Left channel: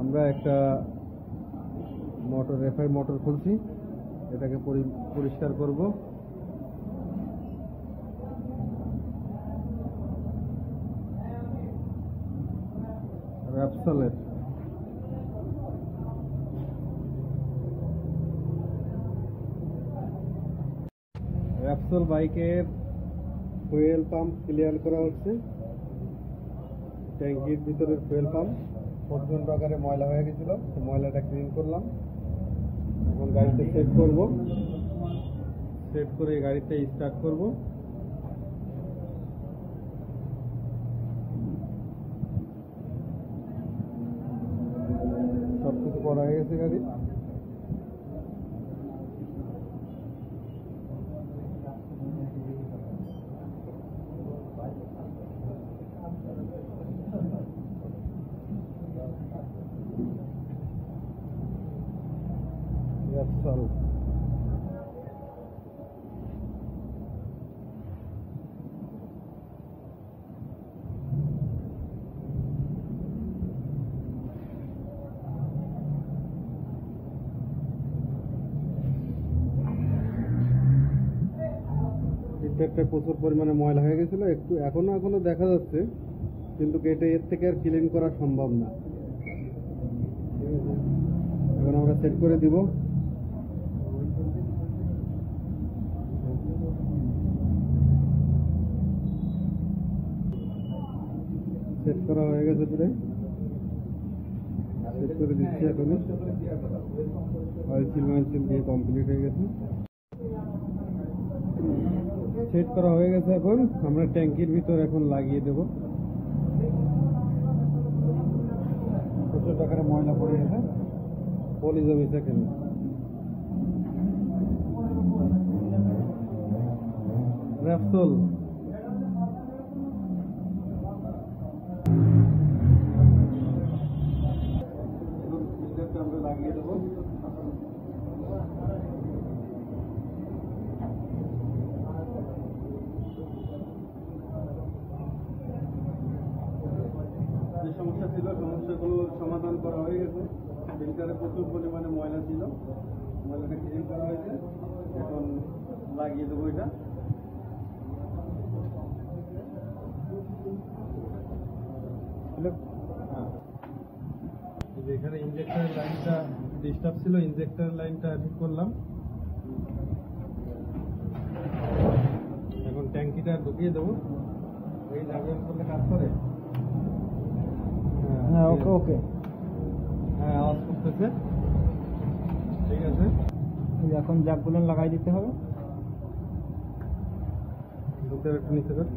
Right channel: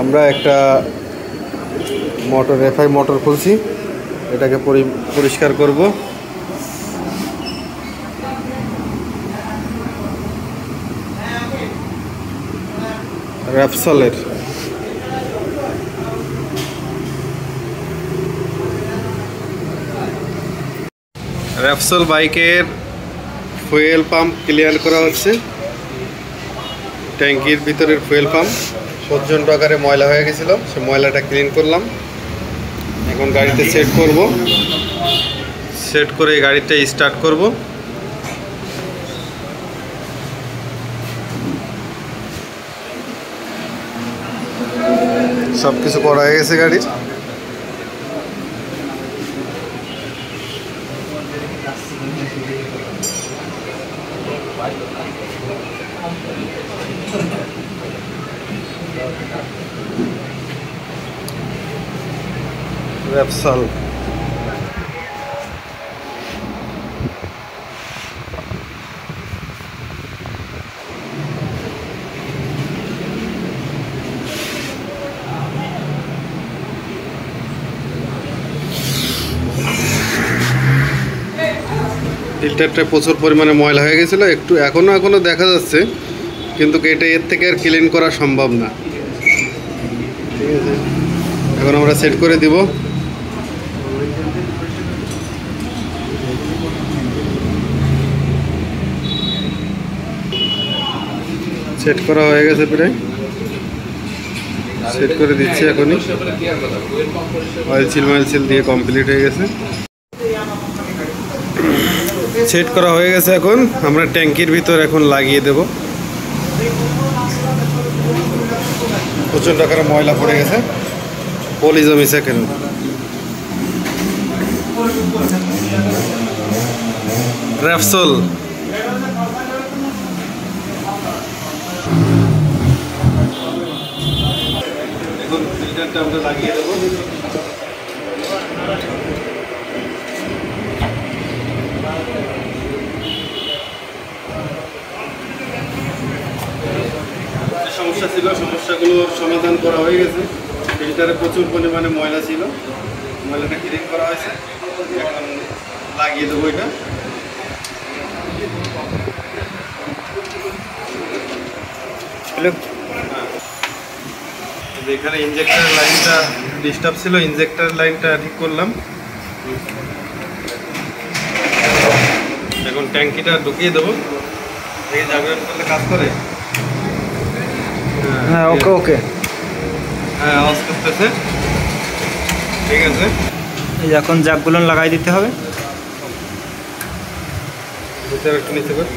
আমরা একটা motor FI motor খুলছি, এটাকে পরিষ্কার করব। র্যাপসলের র্যাপসল বাইকের ফুয়েল পাম্প ক্লিয়ার করা হচ্ছে। ট্যাঙ্কির ভিতরের ফুয়েল পাম্প প্রচণ্ড আকারে ময়লা হয়ে গেছিল, সে ময়লাটা ক্লিন করলাম। এখন গাড়িতে সেট করব, সেট করে গাড়িটা স্টার্ট করব। সব কিছু করা হয়ে গেছে গাড়ির। র্যাপসল ফিল্টারটা প্রচুর পরিমাণে ময়লা হয়ে গেছিলো, একটু এখনো দেখা যাচ্ছে, কিন্তু এটা এর থেকে আর ক্লিন করা সম্ভব না। ঠিক আছে, এখন আমরা সেট করে দিব। সেট করা হয়ে গেছে, প্রায় সেট করে দিচ্ছি এখনই। অয়েল সিল দিয়ে কমপ্লিট হয়ে গেছে, সেট করা হয়ে গেছে। এখন আমরা ট্যাঙ্কির ভিতর এখন লাগিয়ে দেব। প্রচণ্ড আকারে ময়লা পড়ে গেছে, পলি জমিছে কেন। র্যাপসল এখন ফিল্টারটা আমরা লাগিয়ে দেবো। সমস্যা ছিল, সমস্যাগুলোর সমাধান করা হয়ে গেছে। ফিল্টারে প্রচুর পরিমাণে ময়লা ছিল, ময়লাটা ক্লিন করা হয়েছে। এখন লাগিয়ে দেবো এটা। এখানে ইনজেক্টর লাইনটা ডিস্টার্ব ছিল, ইনজেক্টর লাইনটা ঠিক করলাম। এখন ট্যাঙ্কিটা ঢুকিয়ে দেবো। এই জায়গাটা করলে কাজ করে। হ্যাঁ, ওকে হ্যাঁ, আওয়াজ করতেছে। ঠিক আছে, এই এখন জ্যাকগুলো লাগাই দিতে হবে। একটু নিচে করে